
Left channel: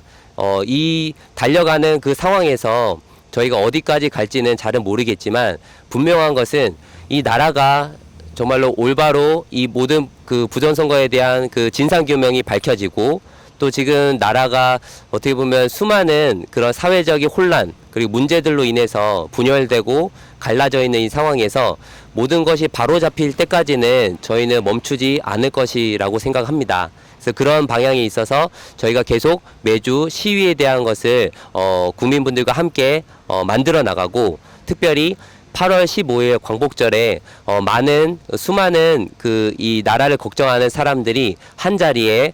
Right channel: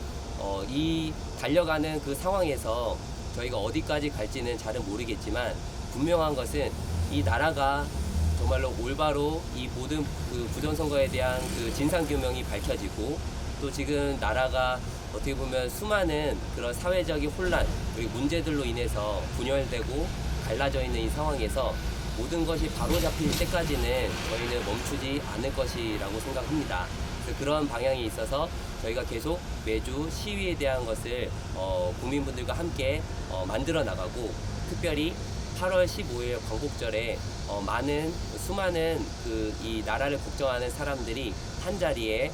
이 달려가는 그 상황에서 저희가 어디까지 갈지는 잘은 모르겠지만 분명한 것은 이 나라가 정말로 올바로 이 모든 그 부정선거에 대한 그 진상규명이 밝혀지고 또 지금 나라가 어떻게 보면 수많은 그런 사회적인 혼란 그리고 문제들로 인해서 분열되고 갈라져 있는 이 상황에서 모든 것이 바로잡힐 때까지는 저희는 멈추지 않을 것이라고 생각합니다. 그래서 그런 방향에 있어서 저희가 계속 매주 시위에 대한 것을 국민분들과 함께 만들어 나가고 특별히 8월 15일 광복절에 수많은 그 이 나라를 걱정하는 사람들이 한 자리에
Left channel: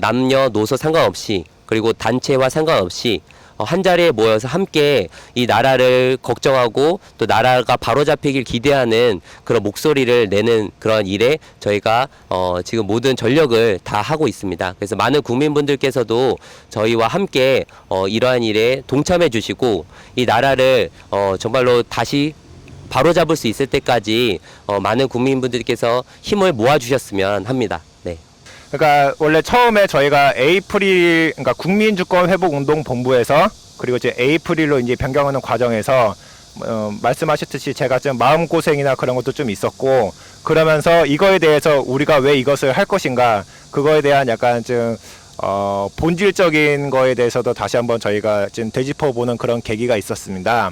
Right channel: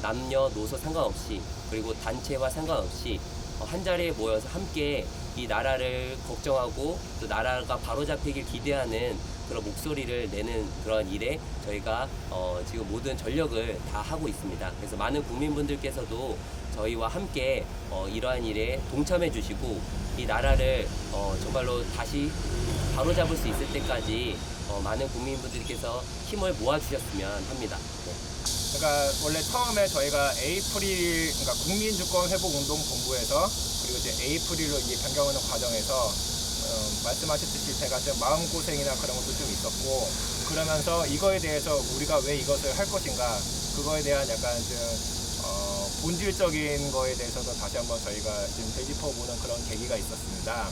남녀노소 상관없이 그리고 단체와 상관없이 한 자리에 모여서 함께 이 나라를 걱정하고 또 나라가 바로잡히길 기대하는 그런 목소리를 내는 그런 일에 저희가 지금 모든 전력을 다 하고 있습니다. 그래서 많은 국민분들께서도 저희와 함께 이러한 일에 동참해 주시고 이 나라를 정말로 다시 바로잡을 수 있을 때까지 많은 국민분들께서 힘을 모아주셨으면 합니다. 네. 그러니까 원래 처음에 저희가 에이프릴, 그러니까 국민주권회복운동본부에서 그리고 이제 에이프릴로 이제 변경하는 과정에서 말씀하셨듯이 제가 좀 마음고생이나 그런 것도 좀 있었고, 그러면서 이거에 대해서 우리가 왜 이것을 할 것인가, 그거에 대한 약간 좀 본질적인 거에 대해서도 다시 한번 저희가 좀 되짚어보는 그런 계기가 있었습니다.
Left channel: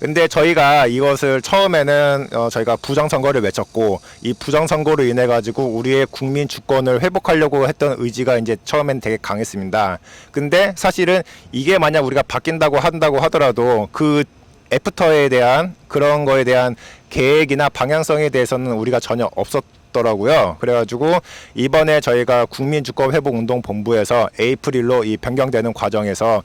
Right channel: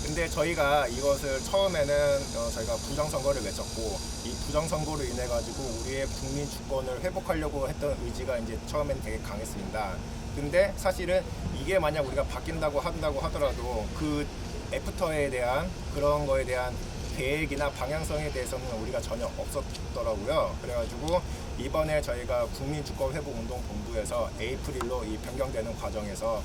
근데 저희가 이것을 처음에는 저희가 부정선거를 외쳤고, 이 부정선거로 인해 가지고 우리의 국민 주권을 회복하려고 했던 의지가 이제 처음엔 되게 강했습니다. 근데 사실은 이게 만약 우리가 바뀐다고 한다고 하더라도 그 애프터에 대한 그런 거에 대한 계획이나 방향성에 대해서는 우리가 전혀 없었더라고요. 그래가지고 이번에 저희가 국민주권회복운동본부에서 에이프릴로 이 변경되는 과정에서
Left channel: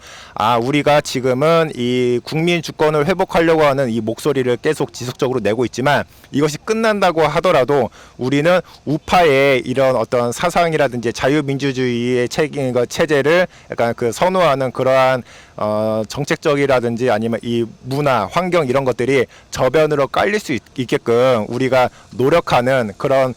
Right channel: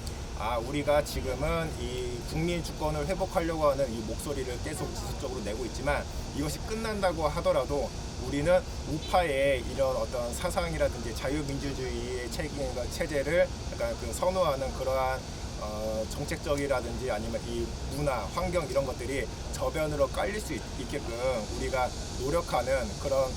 우리가 지금은 이 국민주권을 회복하려고 하는 이 목소리를 계속 지속적으로 내고 있지만 이것이 끝난다고 하더라도 우리는 우파의 이런 어떤 사상이라든지 자유민주주의의 체제를 약간 그 선호하는 그러한 정책적이라든지 아니면 이 문화, 환경 이런 것들이 저변으로 깔릴 수 있게끔 우리가 노력하는 그런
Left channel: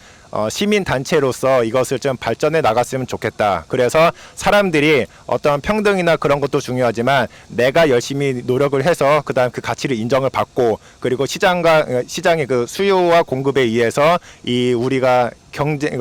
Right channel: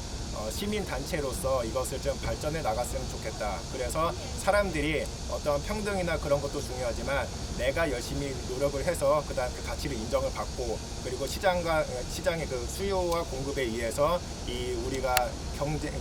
시민 단체로서 이것을 좀 발전해 나갔으면 좋겠다. 그래서 사람들이 어떤 평등이나 그런 것도 중요하지만 내가 열심히 노력을 해서 그다음 그 가치를 인정을 받고, 그리고 시장의 그 수요와 공급에 의해서 이 우리가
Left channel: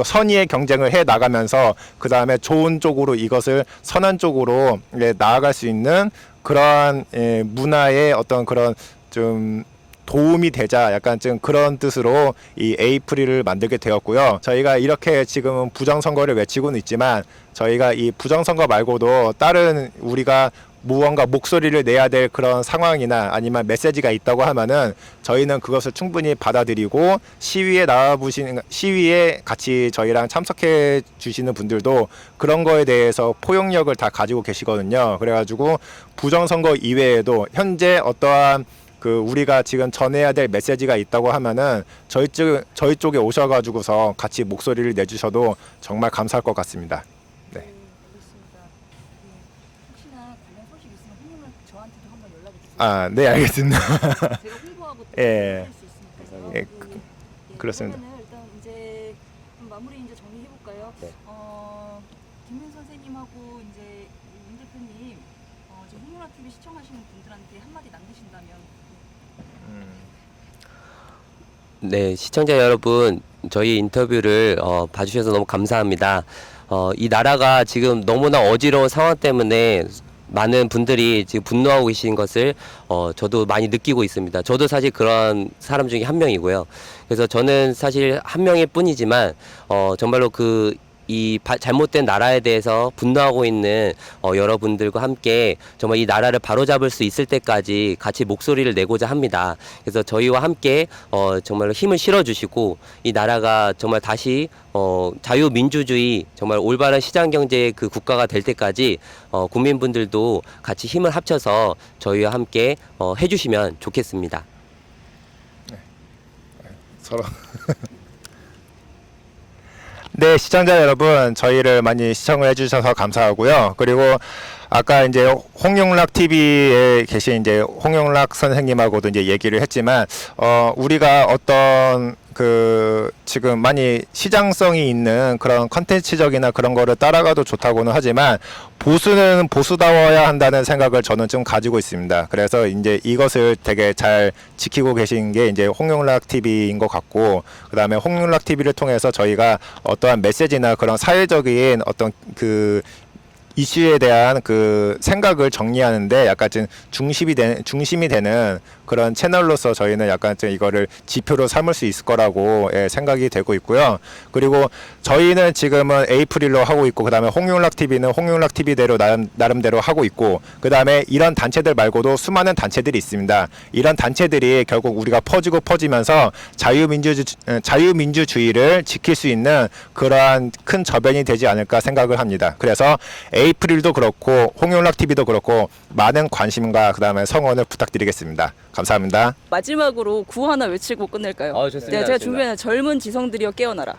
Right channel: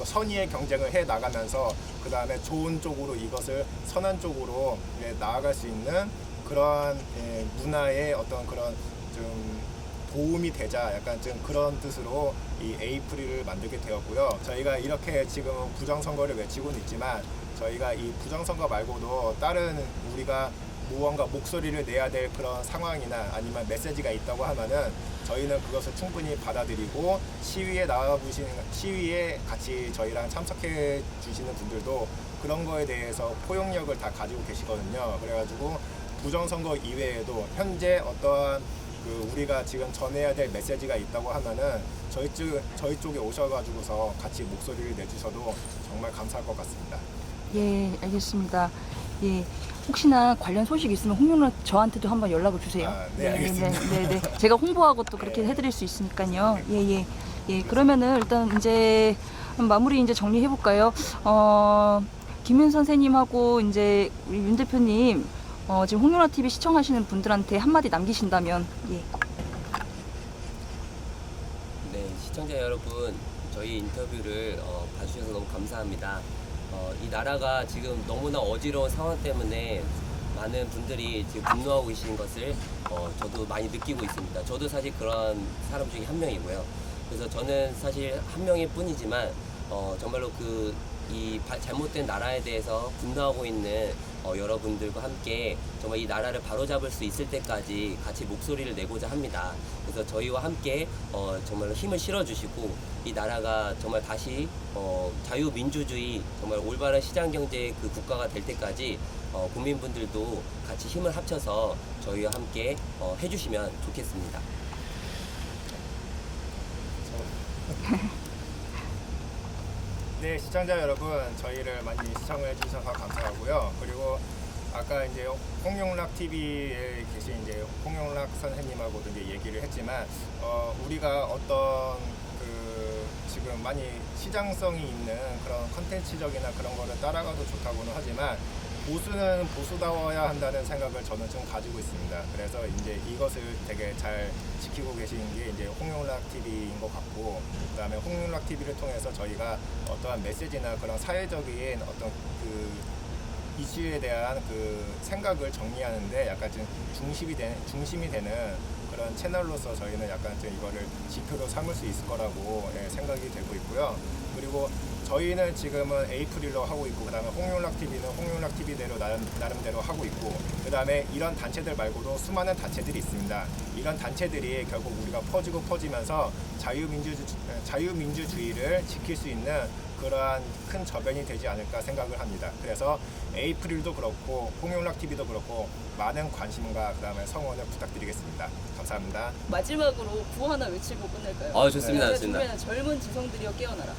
선의의 경쟁을 해 나가면서 그다음에 좋은 쪽으로 이것을 선한 쪽으로 나아갈 수 있는 그러한 문화의 어떤 그런 좀 도움이 되자, 약간 좀 그런 뜻으로 이 에이프릴을 만들게 되었고요. 저희가 이렇게 지금은 부정선거를 외치고는 있지만 저희가 이 부정선거 말고도 다른 우리가 무언가 목소리를 내야 될 그런 상황이나 아니면 메시지가 있다고 하면은 저희는 그것을 충분히 받아들이고 시위에 같이 저희랑 참석해 주시는 분들도 그런 거에 대해서 포용력을 다 가지고 계시거든요. 그래가지고 부정선거 이외에도 현재 어떠한 그 우리가 지금 전해야 될 메시지가 있다고 하면은 저희 쪽에 오셔가지고서 같이 목소리를 내주셔도 정말 감사할 것 같습니다. 네, 알겠습니다. 예, 혹시나 관련 소식 있으면 홍윤락 저한테도 한번 연락을 주세요. 네, 알겠습니다. 네. 제가 홍보하고 또 그렇게 예. 해드릴 수 있으니까요. 네. 예. 그렇습니다. 그러면은 일단 이제 마무리 이제 정리해 볼까요? 김윤 선생님하고 이제 우리 윤 대표님 지금 홍윤락 TV 시청하시는 분들한테 한마디 남기신다면. 예. 네, 시청자 여러분, 저희 인터뷰를 봐주셔서 너무 감사합니다. 이 나라가 지금 너무나 어지러운 상황 때문에 많은 분들이 지금 분노하고 계신 것을 저도 많이 느끼고 있습니다. 저도 사실 그런 사람 중에 한 명이고요. 그래서 저는 사실 한 명일 뿐이지만 정말로 이 잘못된 나라에 대해서 분노하고 있는 여러분들과 함께 정말 이 나라를 바로잡을 수 있을 때까지 같이 목소리를 내고자 합니다. 그래서 저희와 함께 정말로 힘을 실어주시고 이 나라가 정말 다시 자유민주주의 정말 올바른 시장경제의 그 국가가 될 때까지 국민분들도 같이 힘을 합쳐서 저희와 함께 해주시면 좋겠습니다. 서로. 네, 시청자 여러분, 저희를 많이 시청을 해주셔서 감사하고요. 그리고 아까 이제 홍용락 TV에 계신 이제 홍용락 선생님하고도 이제 얘기를 했지만, 우리가 어떤 지금 많이 시장성이 있는 그런 컨텐츠적이나 그런 거를 따라가도 좋다고는 하지만 보수는 보수다워야 한다는 생각을 저는 좀 가지고 있습니다. 그래서 이제 이것을 되게 잘 지키고 계신 게 이제 홍용락 TV인 것 같고, 그 다음에 홍용락 TV를 통해서 저희가 어떠한 메시지나 그런 사회적인 어떤 그 이슈에 대한 그 생각을 정리하는데 약간 좀 중심이 되는 그런 채널로서 저희는 약간 좀 이거를 지표로 삼을 수 있을 거라고 생각이 되고 있고요. 그리고 저희는 지금은 에이프릴로 하고 있고, 그다음에 홍용락 TV는 홍용락 TV대로 나름대로 하고 있고, 그다음에 이런 단체들 말고도 수많은 단체들이 있습니다. 이런 단체들이 결국 우리가 퍼지면서 자유민주주의를 지킬 수 있는 그러한 큰 저변이 되지 않을까 생각을 합니다. 그래서 에이프릴도 그렇고 홍용락 TV도 그렇고 많은 관심과 그다음에 성원을 부탁드리겠습니다. 감사합니다. 마지막으로 구호 하나 외치고 끝낼까요? 좋습니다. 네, 제가 좋습니다. 준비한 젊은 지성들이여 깨어나라.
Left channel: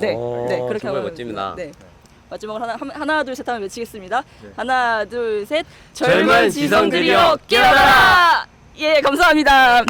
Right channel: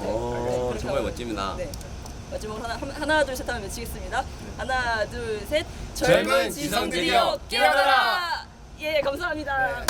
네, 네, 그렇게 정말 하고 멋집니다. 네. 마지막으로 하나 둘 셋 하면 외치겠습니다. 하나 둘 셋. 젊은 지성들이여 깨어나라! 예, 감사합니다.